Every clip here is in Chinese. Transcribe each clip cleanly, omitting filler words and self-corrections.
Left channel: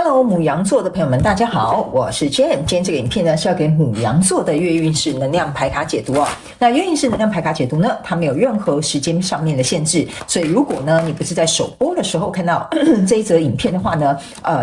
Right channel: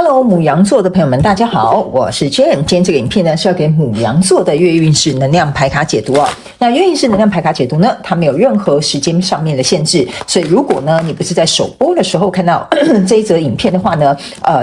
Hello，牡羊座的朋友们，大家好，我是 Jane。今天这个影片呢是要给牡羊座的月运势能量牌卡解读啊。那月运势能量牌卡解读呢，它没有任何时间上面的限制，所以如果呢你不是在首播的时候看到这一则影片的话呢，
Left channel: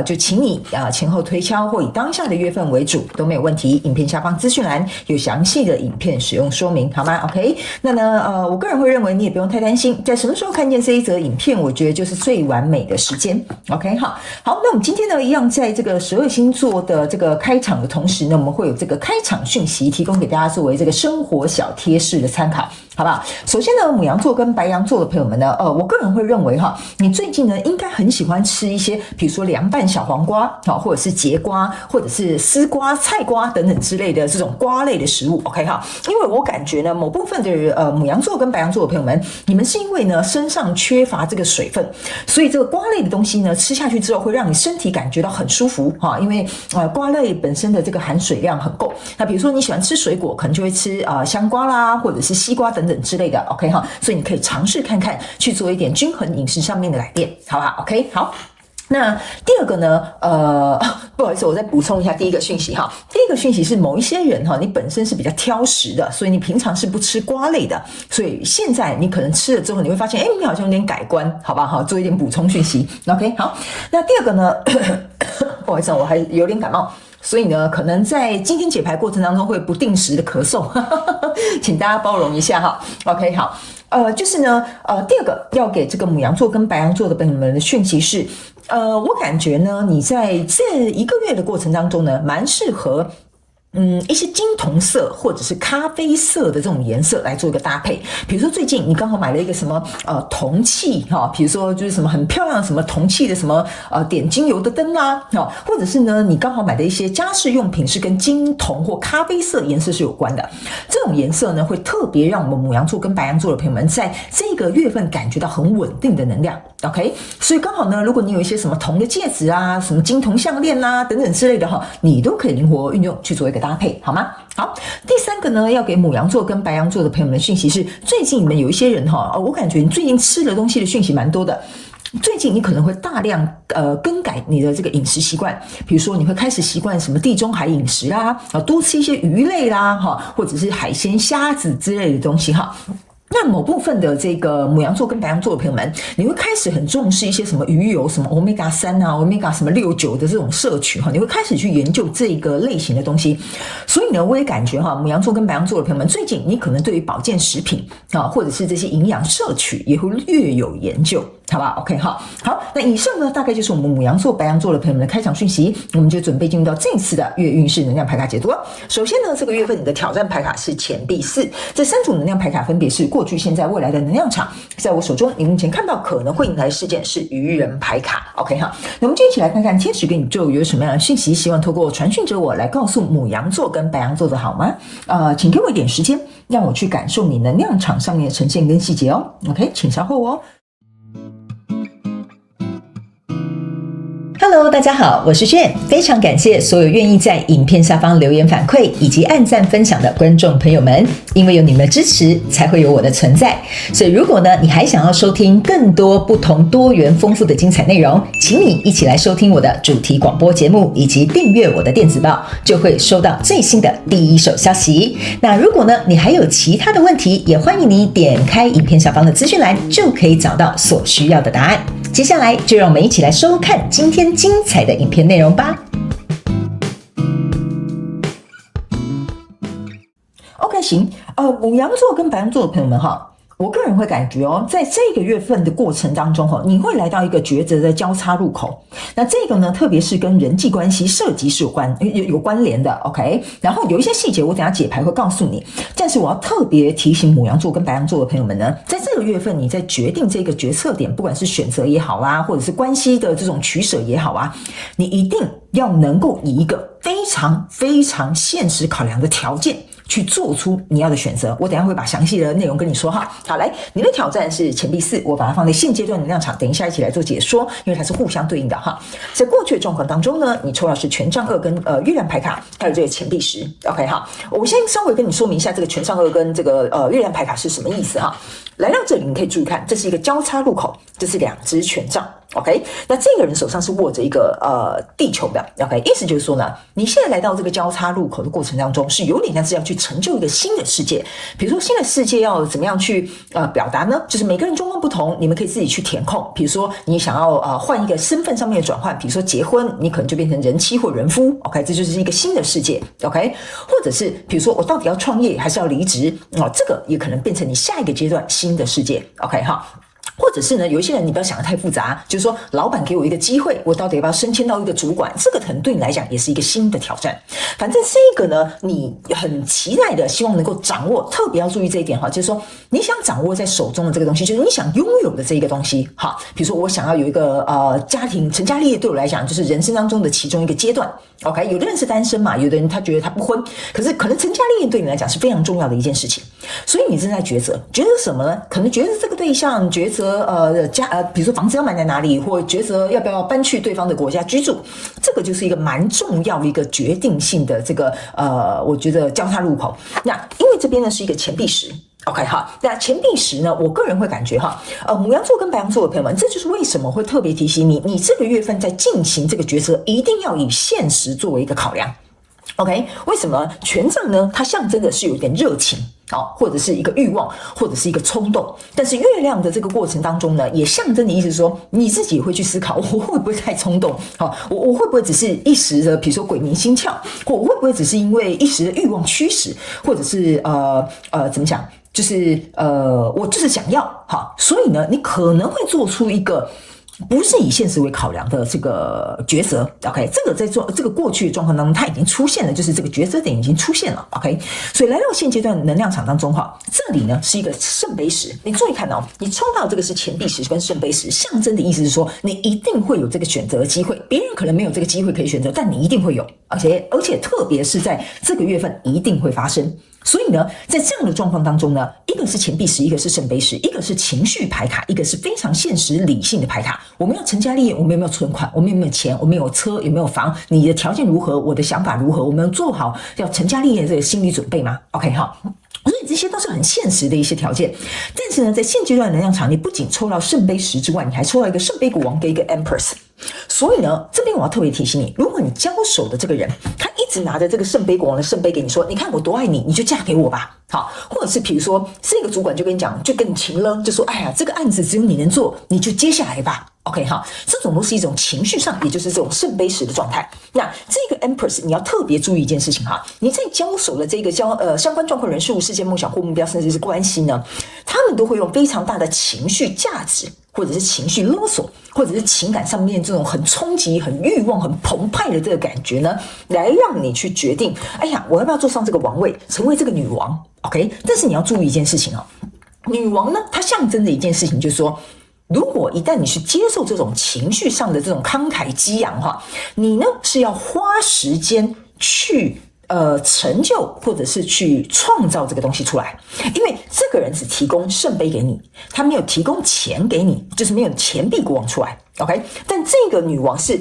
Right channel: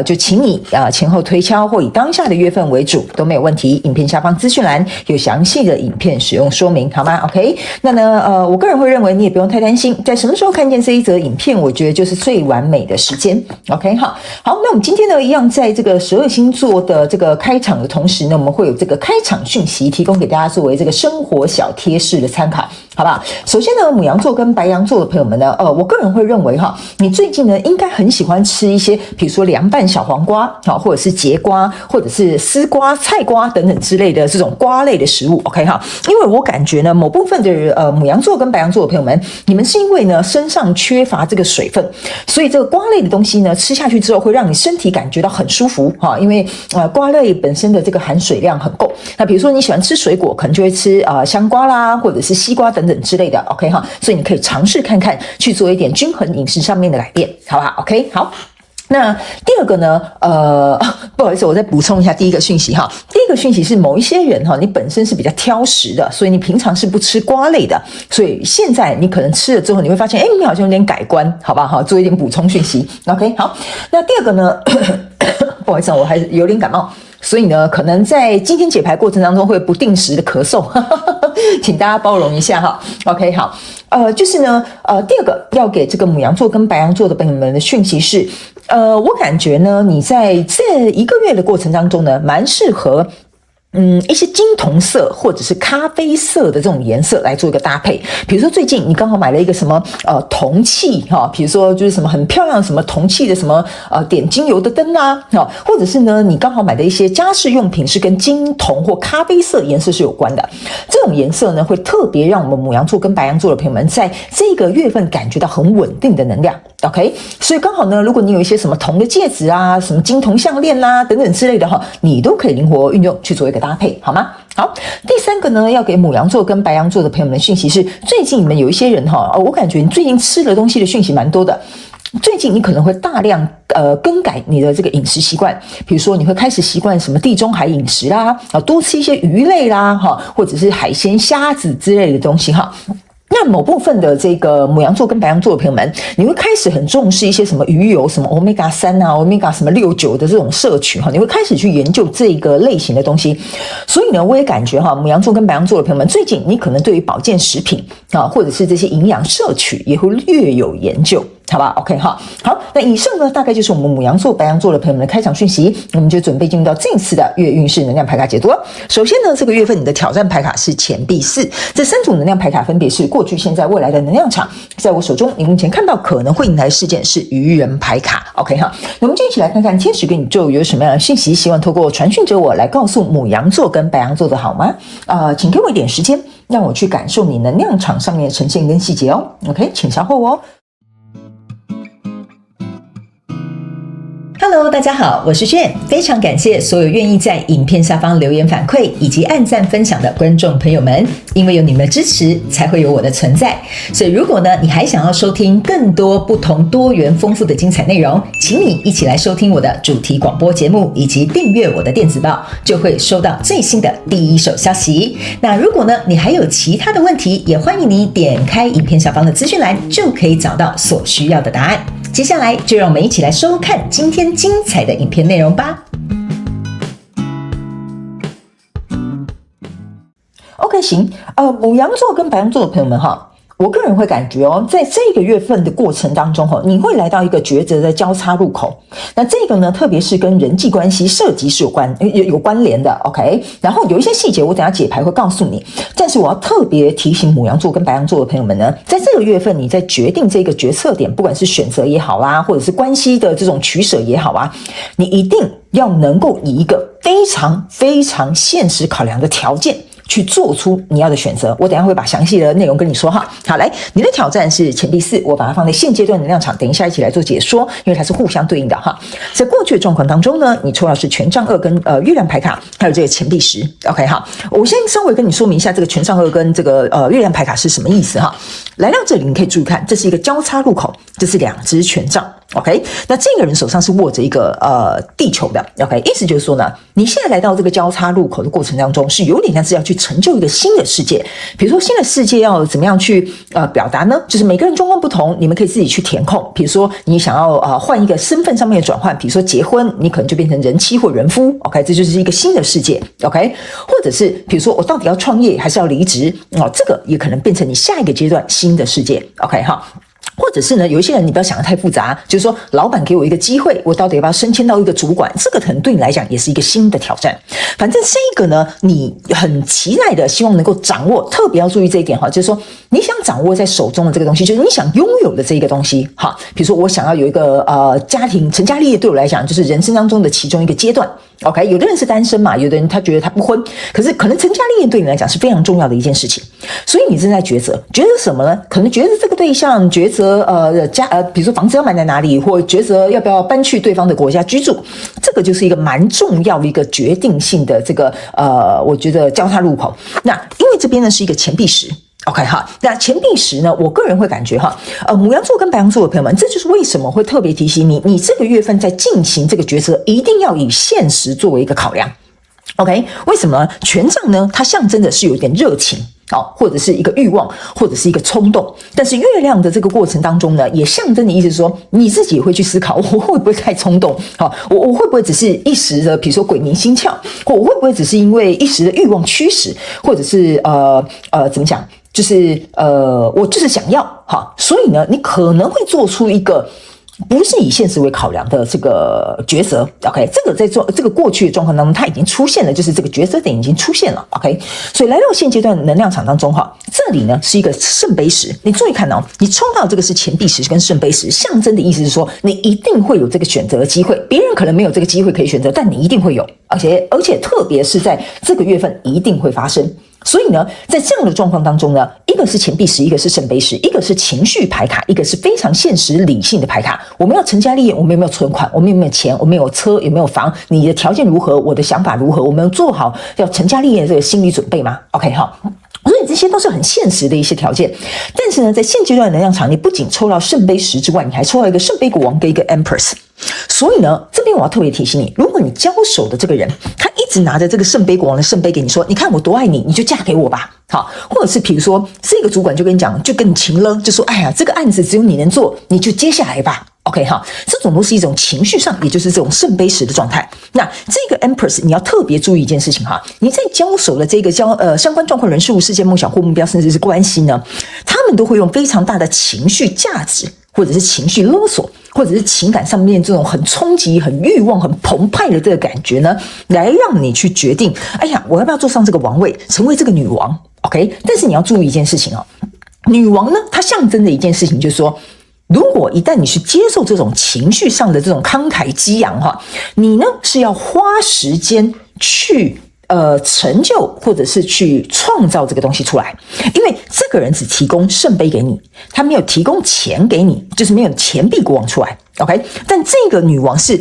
就请你前后推敲或以当下的月份为主都没有问题。影片下方资讯栏有详细的影片使用说明，好吗 ？OK， 那呢我个人会认为你也不用太担心，在什么时候看见这一则影片，我觉得就是最完美的时间。OK， 好，那我们今天呢一样在这个12星座的这个开场的同时呢，我们会有这个开场讯息提供给大家作为这个生活小贴士的参考，好不好？首先呢，牡羊座跟白羊座的朋友们呢，我个人会认为哈，你最近呢应该很喜欢吃一些，比如说凉拌小黄瓜或者是节瓜，或者是丝瓜、菜瓜等等之类的这种瓜类的食物 ，OK 哈？因为我感觉呢，某部分的牡羊座跟白羊座的朋友们，你们是因为呢身上缺乏这个水分，所以这个瓜类的东西呢吃下去之后会让你身体感觉到很舒服哈，因为瓜类本身的这个含水量很够。那比如说你喜欢吃水果，可能就会吃香瓜啦，或者是西瓜等等之类的 ，OK 哈，所以你可以尝试看看去做一点均衡饮食上面的改变，好不好 ？OK 好。那第二个呢，不好意思，我再补充一下第一个讯息哈。第一个讯息是某一些人哈，你本身是比较挑食的，所以你平常是不吃瓜类的，所以现在你可能吃了之后，你会发现，你好像有点改观，好不好？做一点补充讯息 ，OK 好。那第二个呢，不好意思，我还是有点感冒。所以呢，可能在今天解牌过程当中会不定时的咳嗽，请大家包容一下哈。OK， 好，就是呢，第二个要给这个牡羊座跟白羊座的朋友们的讯息是，我感觉呢，你在这一个月的过程当中呢，蛮适合。一些金铜色或者是咖啡色的这种颜色来做一个搭配，比如说最近你刚好买了一个什么铜器哈，比如说就是什么很漂亮什么铜器的什么点精油的灯啊，或者是呢你刚好买的一些家饰用品是跟金铜或咖啡色颜色是有关的，这种颜色呢会特别让我们牡羊座跟白羊座的朋友们在这个月份感觉到很稳定的能量。OK， 所以刚好呢，如果你有一些什么铜的戒指啊、什么金铜项链啊等等之类的哈，你都可以灵活运用去做一个搭配，好吗？好，第三个呢，要给牡羊座跟白羊座的朋友们的讯息是，最近你们有一些人哈，我感觉你最近吃的东西的讯息蛮多的。最近你可能会大量更改你的这个饮食习惯，比如说你会开始习惯什么地中海饮食啦，多吃一些鱼类啦，或者是海鲜、虾子之类的东西哈。那某部分的这个牡羊座跟白羊座的朋友们，你会开始很重视一些什么鱼油，什么 Omega 3啊 Omega 什么6、9的这种摄取哈，你会开始去研究这个类型的东西。所以呢，我也感觉哈，牡羊座跟白羊座的朋友们，最近你可能对于保健食品或者是这些营养摄取也会略有研究。好吧 ，OK 哈，好，那以上呢大概就是我们牡羊座、白羊座的朋友们的开场讯息，我们就准备进入到这次的月运势能量牌卡解读了。首先呢，这个月份你的挑战牌卡是钱币4，这3组能量牌卡分别是过去、现在、未来的能量场。在我手中，你目前看到可能会迎来事件是愚人牌卡 ，OK 哈。那我们就一起来看看天使跟宇宙有什么样的讯息，希望透过传讯者我来告诉牡羊座跟白羊座的好吗？请给我一点时间，让我去感受你能量场上面的呈现跟细节哦。OK， 请稍后哦。Hello， 大家好，我是炫，非常感谢所有愿意在影片下方留言反馈以及按赞分享的观众朋友们，因为有你们的支持，才会有我的存在。所以如果呢，你还想要收听更多不同多元丰富的精彩内容，请你一起来收听我的主题广播节目，以及订阅我的电子报，就会收到最新的第一手消息。那如果呢，你还有其他的问题，也欢迎你点开影片下方的资讯栏，就可以找到所需要的答案。接下来就让我们一起来收看今天精彩的影片内容吧。OK， 行，牡羊座跟白羊座的朋友们哈，我个人会感觉在这个月份的过程当中你会来到一个抉择的交叉路口。那这个呢，特别是跟人际关系涉及是有关联的 ，OK。然后有一些细节，我等一下解牌会告诉你。但是我要特别提醒牡羊座跟白羊座的朋友们呢，在这个月份你在决定这个决策点，不管是选择也好啦，或者是关系的这种取舍也好啊，你一定要能够以一个非常非常现实考量的条件去做出你要的选择。我等一下会把详细的内容跟你说哈。好，来，你的挑战是钱币4，我把它放在现阶段能量场，等一下一起来做解说，因为它是互相对应的哈。在过去的状况当中呢，你抽到是权杖2跟月亮牌卡，还有这个钱币10。OK 哈，我先稍微跟你说明一下这个权杖2跟这个月亮牌卡是什么意思哈。来到这里，你可以注意看，这是一个交叉路口，这是2只权杖。OK， 那这个人手上是握着一个地球的。OK， 意思就是说呢，你现在来到这个交叉路口的过程当中，是有点像是要去成就一个新的世界。比如说新的世界要怎么样去表达呢？就是每个人状况不同，你们可以自己去填空。比如说你想要换一个身份上面的转换，比如说结婚，你可能就变成人妻或人夫。OK， 这就是一个新的世界。OK， 或者是比如说我到底要创业还是要离职？这个也可能变成你下一个阶段新的世界。OK 哈。或者是呢，有一些人你不要想得太复杂，就是说老板给我一个机会，我到底要不要升迁到一个主管，这个可能对你来讲也是一个新的挑战。反正这个呢，你很期待的希望能够掌握，特别要注意这一点哈，就是说你想掌握在手中的这个东西，就是你想拥有的这一个东西哈。比如说我想要有一个家庭成家立业，对我来讲就是人生当中的其中一个阶段。OK， 有的人是单身嘛，有的人他觉得他不婚，可是可能成家立业对你来讲是非常重要的一件事情，所以你正在抉择什么呢？可能抉择这个对象，抉择比如说房子要买在哪里，或抉择要不要搬去对方的国家居住，这个就是一个蛮重要的一个决定性的这个我觉得交叉路口。那因为这边呢是一个钱币10。OK 哈，那钱币10呢？我个人会感觉哈，牡羊座跟白羊座的朋友们，这就是为什么会特别提醒你，你这个月份在进行这个决策，一定要以现实作为一个考量。OK， 为什么呢？权杖呢，它象征的是有一点热情。或者是一个欲望，或者是一个冲动，但是月亮的这个过程当中呢，也象征的意思是说，你自己也会去思考，我会不会太冲动？我会不会只是一时的，比如说鬼迷心窍，或我会不会只是因为一时的欲望驱使，或者是怎么讲？就是我就是想要所以呢，你可能会做出一个不是以现实为考量的这个抉择。 OK， 这个在做这个过去的状况当中它已经出现了，就是这个抉择点已经出现了。 OK， 所以来到现阶段能量场当中这里呢是一个圣杯10，你注意看你抽到这个是钱币10跟圣杯10，象征的意思是说你一定会有这个选择的机会，别人可能没有这个机会可以选择，但你一定会有，而且特别是在这个月份一定会发生。所以呢，在这样的状况当中呢，一个是钱币10，一个是圣杯10，一个是情绪牌卡，一个是非常现实理性的牌卡。我们要成家立业，我们有没有存款？我们有没有钱？我们有车？有没有房？你的条件如何？我的想法如何？我们做好要成家立业的这个心理准备吗 ？OK 哈。所以这些都是很现实的一些条件，但是呢，在现阶段的能量场，你不仅抽到圣杯10之外，你还抽到一个圣杯国王跟一个 Empress。所以呢，这边我要特别提醒你，如果你交手的这个人，他一直拿着这个圣杯国王的圣杯给你说，你看我多爱你，你就嫁给我吧。或者是比如说这个主管就跟你讲，就跟你情了，就说哎呀，这个案子只有你能做，你就接下来吧。OK 哈，这种都是一种情绪上，也就是这种圣杯10的状态。那这个 Empress 你要特别注意一件事情哈，你在交手的这个相关状况、人事物、事件、梦想或目标，甚至是关系呢，他们都会用非常大的情绪价值，或者是情绪勒索，或者是情感上面这种很冲击、很欲望、很澎湃的这个感觉呢，来让你去决定，哎呀，我要不要坐上这个王位，成为这个女王 ？OK， 但是你要注意一件事情女王呢，它象征的一件事情就是说，如果一旦你去接受这种情绪上的这种慷慨激昂你呢是要花时间去成就或者是去创造这个东西出来，因为这个人只提供圣杯给你，他没有提供钱给你，就是没有钱币国王出来。 OK， 但这个女王是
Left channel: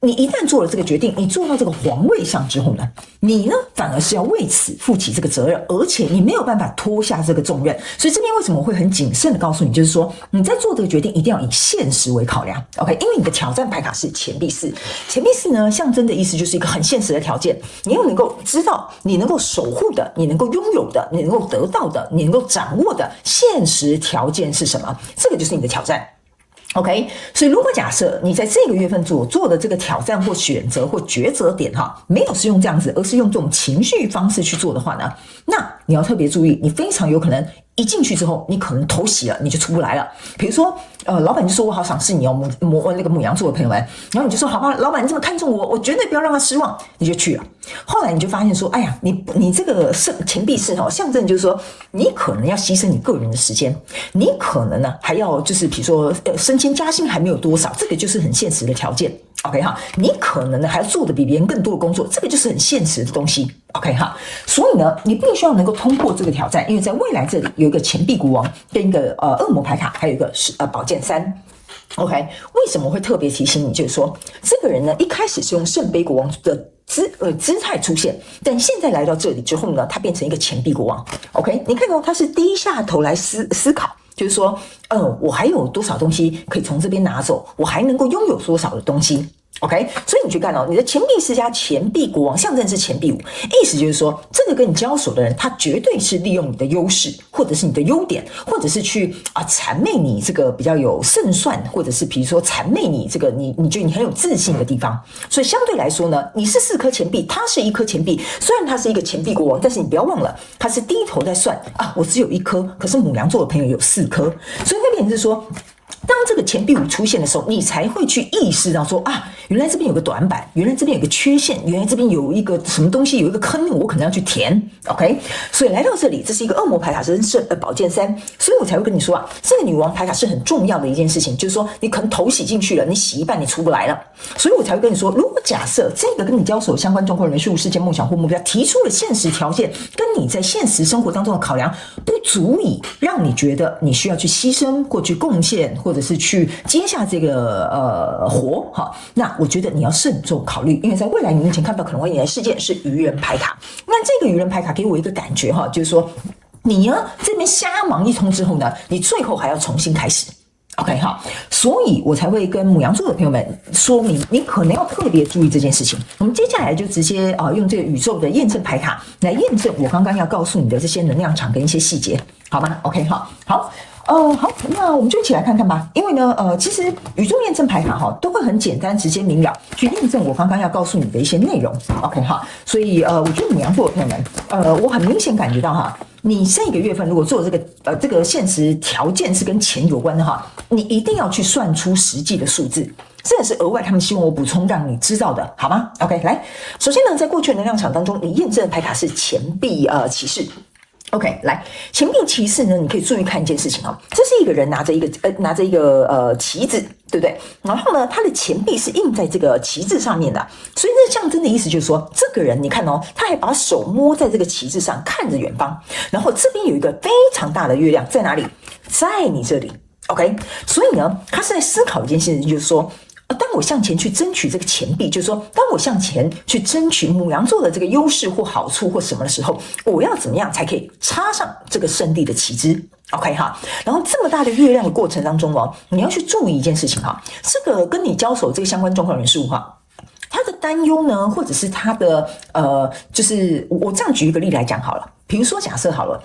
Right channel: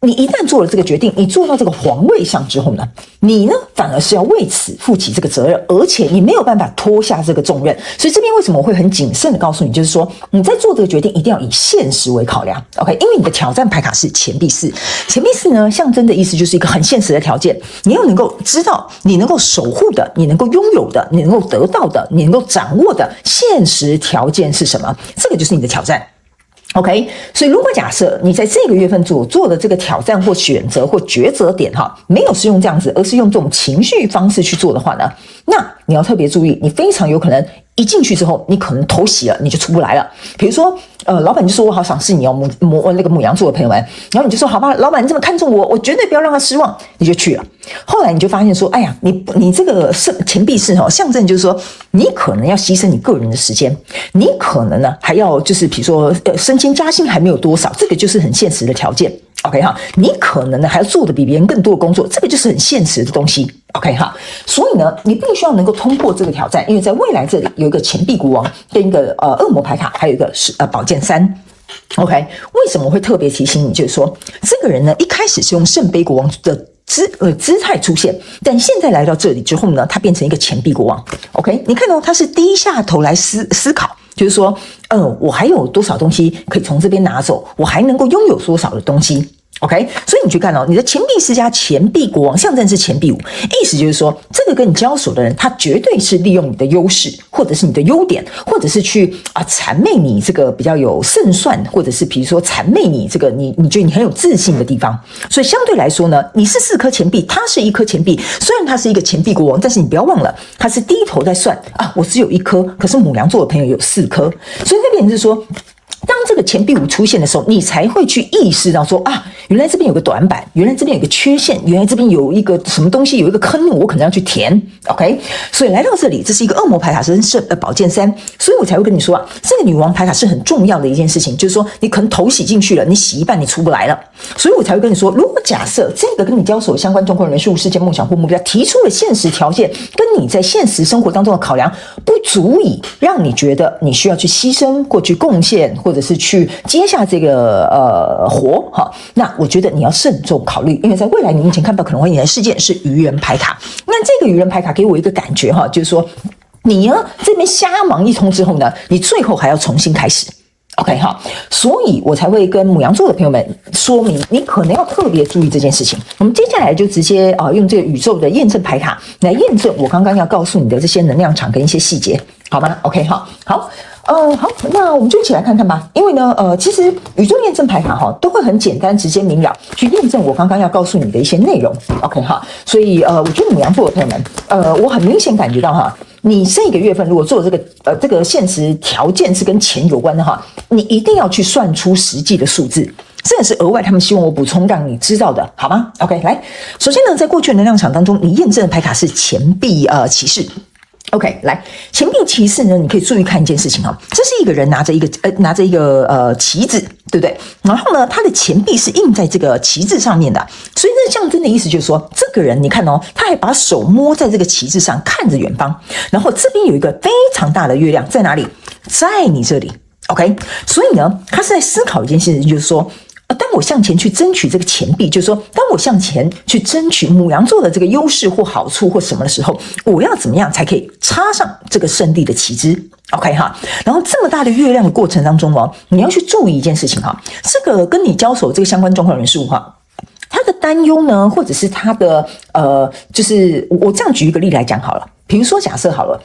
你一旦做了这个决定，你坐到这个皇位上之后呢，你呢反而是要为此负起这个责任，而且你没有办法脱下这个重任。所以这边为什么我会很谨慎的告诉你，就是说你在做这个决定一定要以现实为考量。 OK， 因为你的挑战牌卡是钱币4，钱币4呢象征的意思就是一个很现实的条件，你要能够知道你能够守护的，你能够拥有的，你能够得到的，你能够掌握的现实条件是什么，这个就是你的挑战。OK， 所以如果假设你在这个月份所做的这个挑战或选择或抉择点没有是用这样子，而是用这种情绪方式去做的话呢，那你要特别注意，你非常有可能一进去之后，你可能头洗了，你就出不来了。比如说老板就说我好赏识你那个牡羊座的朋友们，然后你就说好吧，老板你这么看重我，我绝对不要让他失望，你就去了。后来你就发现说，哎呀，你这个钱币4象征就是说，你可能要牺牲你个人的时间，你可能呢还要就是比如说升迁加薪还没有多少，这个就是很现实的条件。OK 哈，你可能呢还要做的比别人更多的工作，这个就是很现实的东西。OK 哈，所以呢，你必须要能够通过这个挑战，因为在未来这里有一个钱币国王跟一个恶魔牌卡，还有一个是宝剑三。OK， 为什么我会特别提醒你？就是说，这个人呢一开始是用圣杯国王的姿态出现，但现在来到这里之后呢，他变成一个钱币国王。OK， 你看到他是低下头来思考。就是说，我还有多少东西可以从这边拿走？我还能够拥有多少的东西 ？OK， 所以你去看你的钱币四加钱币国王象征是钱币五，意思就是说，这个跟你交手的人，他绝对是利用你的优势，或者是你的优点，或者是去谄媚你这个比较有胜算，或者是比如说谄媚你这个你觉得你很有自信的地方。所以相对来说呢，你是4颗钱币，他是1颗钱币，虽然他是一个钱币国王，但是你不要忘了，他是低头在算我只有1颗，可是牡羊座的朋友有4颗，所以这边是说。当这个钱币五出现的时候，你才会去意识到说原来这边有个短板，原来这边有个缺陷，原来这边有一个什么东西，有一个坑，我可能要去填。OK， 所以来到这里，这是一个恶魔牌卡，是宝剑三，所以我才会跟你说这个女王牌卡是很重要的一件事情，就是说你可能头洗进去了，你洗一半你出不来了，所以我才会跟你说，如果假设这个跟你交手相关状况人数、事件、梦想或目标提出了现实条件，跟你在现实生活当中的考量不足以让你觉得你需要去牺牲或去贡献，或者是去接下这个活那我觉得你要慎重考虑，因为在未来你目前看到可能会引来事件是愚人牌卡。那这个愚人牌卡给我一个感觉就是说你呢这边瞎忙一通之后呢，你最后还要重新开始。OK 所以我才会跟牡羊座的朋友们说明，你可能要特别注意这件事情。我们接下来就直接用这个宇宙的验证牌卡来验证我刚刚要告诉你的这些能量场跟一些细节，好吗 ？OK 好。好，那我们就一起来看看吧。因为呢，其实宇宙验证牌卡都会很简单、直接、明了去验证我刚刚要告诉你的一些内容。OK 所以我觉得牡羊座的朋友们，我很明显感觉到你这个月份如果做这个现实条件是跟钱有关的你一定要去算出实际的数字。这也是额外他们希望我补充让你知道的，好吗 ？OK， 来，首先呢，在过去的能量场当中，你验证的牌卡是钱币骑士。OK， 来，钱币骑士呢，你可以注意看一件事情这是一个人拿着一个旗子，对不对？然后呢，他的钱币是印在这个旗帜上面的，所以那象征的意思就是说，这个人你看他还把手摸在这个旗帜上，看着远方，然后这边有一个非常大的月亮在哪里？在你这里。OK， 所以呢，他是在思考一件事情，就是说。当我向前去争取这个钱币，就是说，当我向前去争取牡羊座的这个优势或好处或什么的时候，我要怎么样才可以插上这个胜利的旗帜 ？OK 然后这么大的月亮的过程当中你要去注意一件事情这个跟你交手这个相关状况人数他的担忧呢，或者是他的就是我这样举一个例来讲好了，比如说假设好了。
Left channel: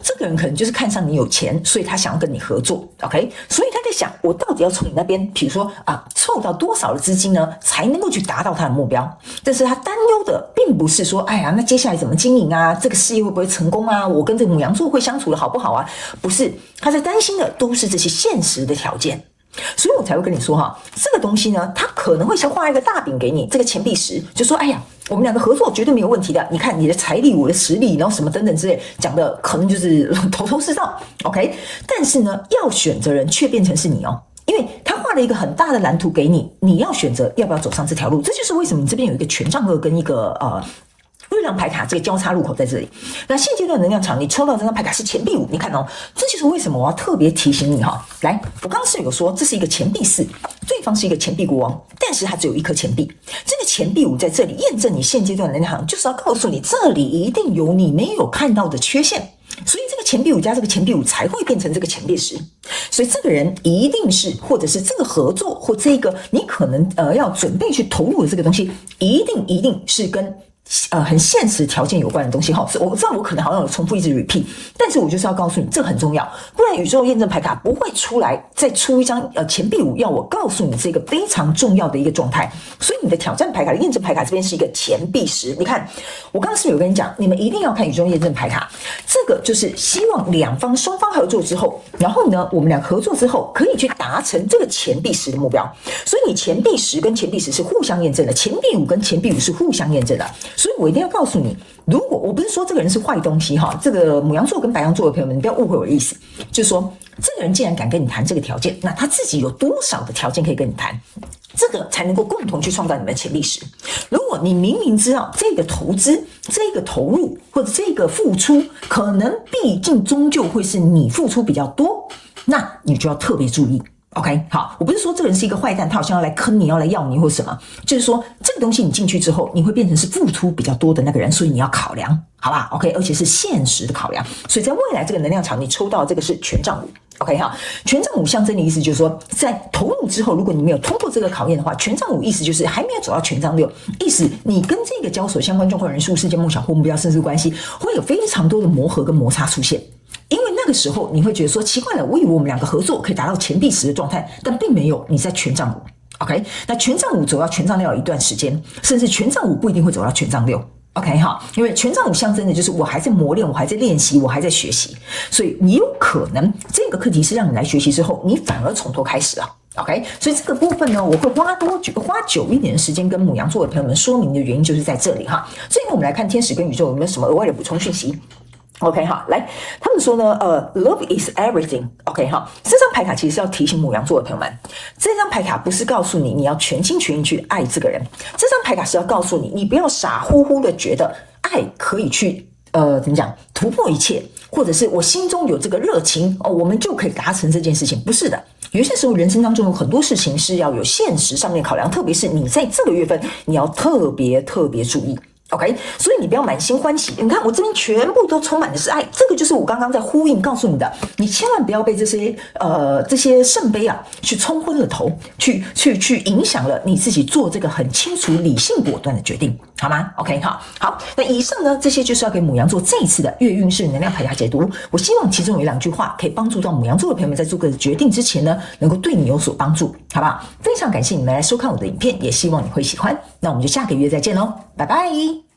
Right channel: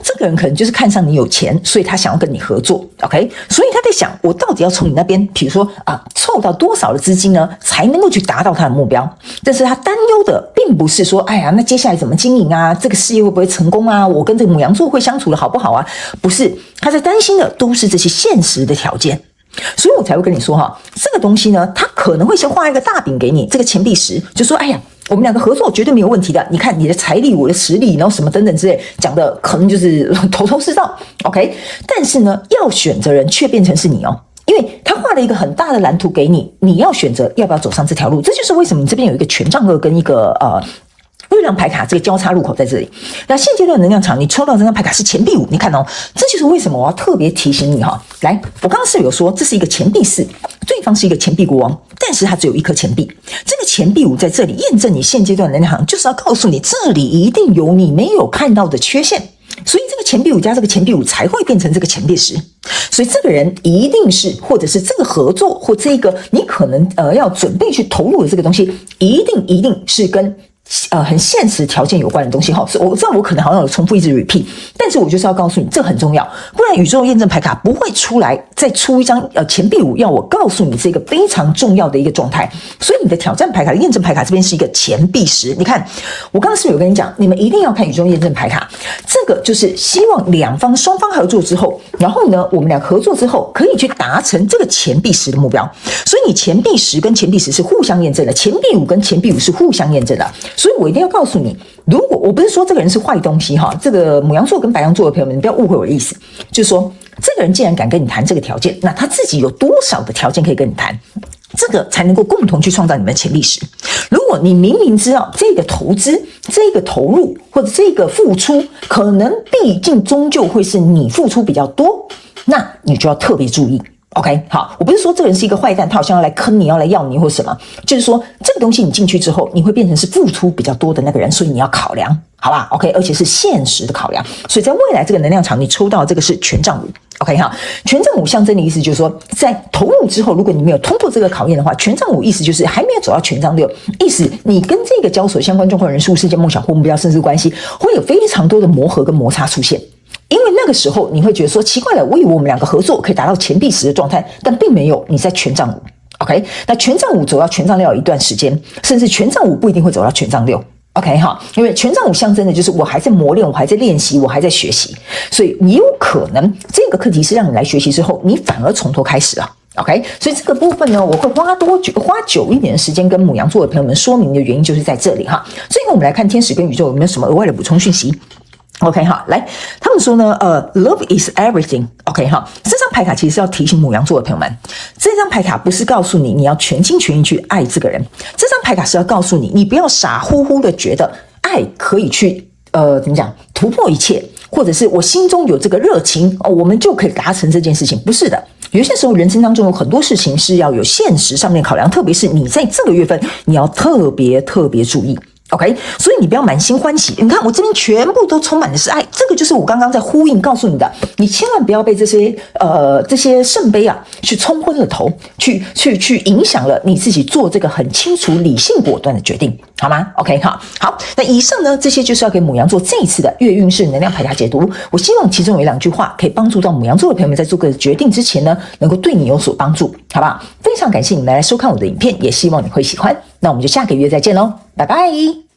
这个人可能就是看上你有钱，所以他想要跟你合作 ，OK？ 所以他在想，我到底要从你那边，比如说凑到多少的资金呢，才能够去达到他的目标？但是他担忧的并不是说，那接下来怎么经营啊？这个事业会不会成功啊？我跟这个牡羊座会相处的好不好啊？不是，他在担心的都是这些现实的条件。所以我才会跟你说这个东西呢，他可能会先画一个大饼给你，这个钱币10，就说我们两个合作绝对没有问题的。你看你的财力，我的实力，然后什么等等之类，讲的可能就是头头是道 ，OK？ 但是呢，要选择人却变成是你因为他画了一个很大的蓝图给你，你要选择要不要走上这条路。这就是为什么你这边有一个权杖2跟一个月亮牌卡这个交叉路口在这里。那现阶段能量场你抽到这张牌卡是钱币5，你看这就是为什么我要特别提醒你来，我刚刚是有说这是一个钱币4，对方是一个钱币国王，但是他只有1颗钱币。这个钱币5在这里验证你现阶段的能量场，就是要告诉你这里一定有你没有看到的缺陷。所以这个钱币5加这个钱币5才会变成这个钱币10。所以这个人一定是，或者是这个合作或这个你可能要准备去投入的这个东西，一定是跟很现实条件有关的东西所以我知道我可能好像有重复一直 repeat， 但是我就是要告诉你这很重要，不然宇宙验证牌卡不会出来再出一张钱币5，要我告诉你这个非常重要的一个状态。所以你的挑战牌卡、验证牌卡这边是一个钱币10。你看我刚刚是不是有跟你讲，你们一定要看宇宙验证牌卡，这个就是希望双方合作之后，然后呢我们俩合作之后可以去达成这个钱币10的目标。所以你钱币10跟钱币10是互相验证的，钱币5跟钱币5是互相验证的。所以我一定要告诉你，如果我不是说这个人是坏东西这个牡羊座跟白羊座的朋友们，你不要误会我的意思，就是说这个人既然敢跟你谈这个条件，那他自己有多少的条件可以跟你谈？这个才能够共同去创造你们的潜力值。如果你明明知道这个投资、这个投入或者这个付出，可能毕竟终究会是你付出比较多，那你就要特别注意。OK， 好，我不是说这个人是一个坏蛋，他好像要来坑你，要来要你或什么，就是说这个东西你进去之后，你会变成是付出比较多的那个人，所以你要考量，好吧 ？OK， 而且是现实的考量。所以在未来这个能量场，你抽到这个是权杖五。OK 哈，权杖五象征的意思就是说，在投入之后，如果你没有通过这个考验的话，权杖五意思就是还没有走到权杖六，意思你跟这个交手相关状况人事物事件梦想或目标甚至关系，会有非常多的磨合跟摩擦出现。因为那个时候你会觉得说奇怪了，我以为我们两个合作可以达到钱币时的状态，但并没有，你在权杖五。OK， 那权杖五走到权杖六有一段时间，甚至权杖五不一定会走到权杖六。OK 哈，因为权杖五象征的就是我还在磨练，我还在练习，我还在学习，所以你有可能这个课题是让你来学习之后，你反而从头开始了。OK， 所以这个部分呢，我会花久一点的时间跟牡羊座的朋友们说明的原因就是在这里哈。最后我们来看天使跟宇宙有没有什么额外的补充讯息。OK 哈，来，他们说呢，love is everything。OK 哈，这张牌卡其实是要提醒牡羊座的朋友们，这张牌卡不是告诉你你要全心全意去爱这个人，这张牌卡是要告诉你，你不要傻乎乎的觉得爱可以去怎么讲突破一切，或者是我心中有这个热情我们就可以达成这件事情，不是的。有些时候人生当中有很多事情是要有现实上面考量，特别是你在这个月份，你要特别注意。OK， 所以你不要满心欢喜。你看我这边全部都充满的是爱，这个就是我刚刚在呼应告诉你的。你千万不要被这些圣杯去冲昏了头，去影响了你自己做这个很清楚、理性、果断的决定，好吗 ？OK， 好。那以上呢，这些就是要给牡羊座这一次的月运势能量牌卡解读。我希望其中有2句话可以帮助到牡羊座的朋友们在做个决定之前呢，能够对你有所帮助，好不好？非常感谢你们来收看我的影片，也希望你会喜欢。那我们就下个月再见喽，拜拜。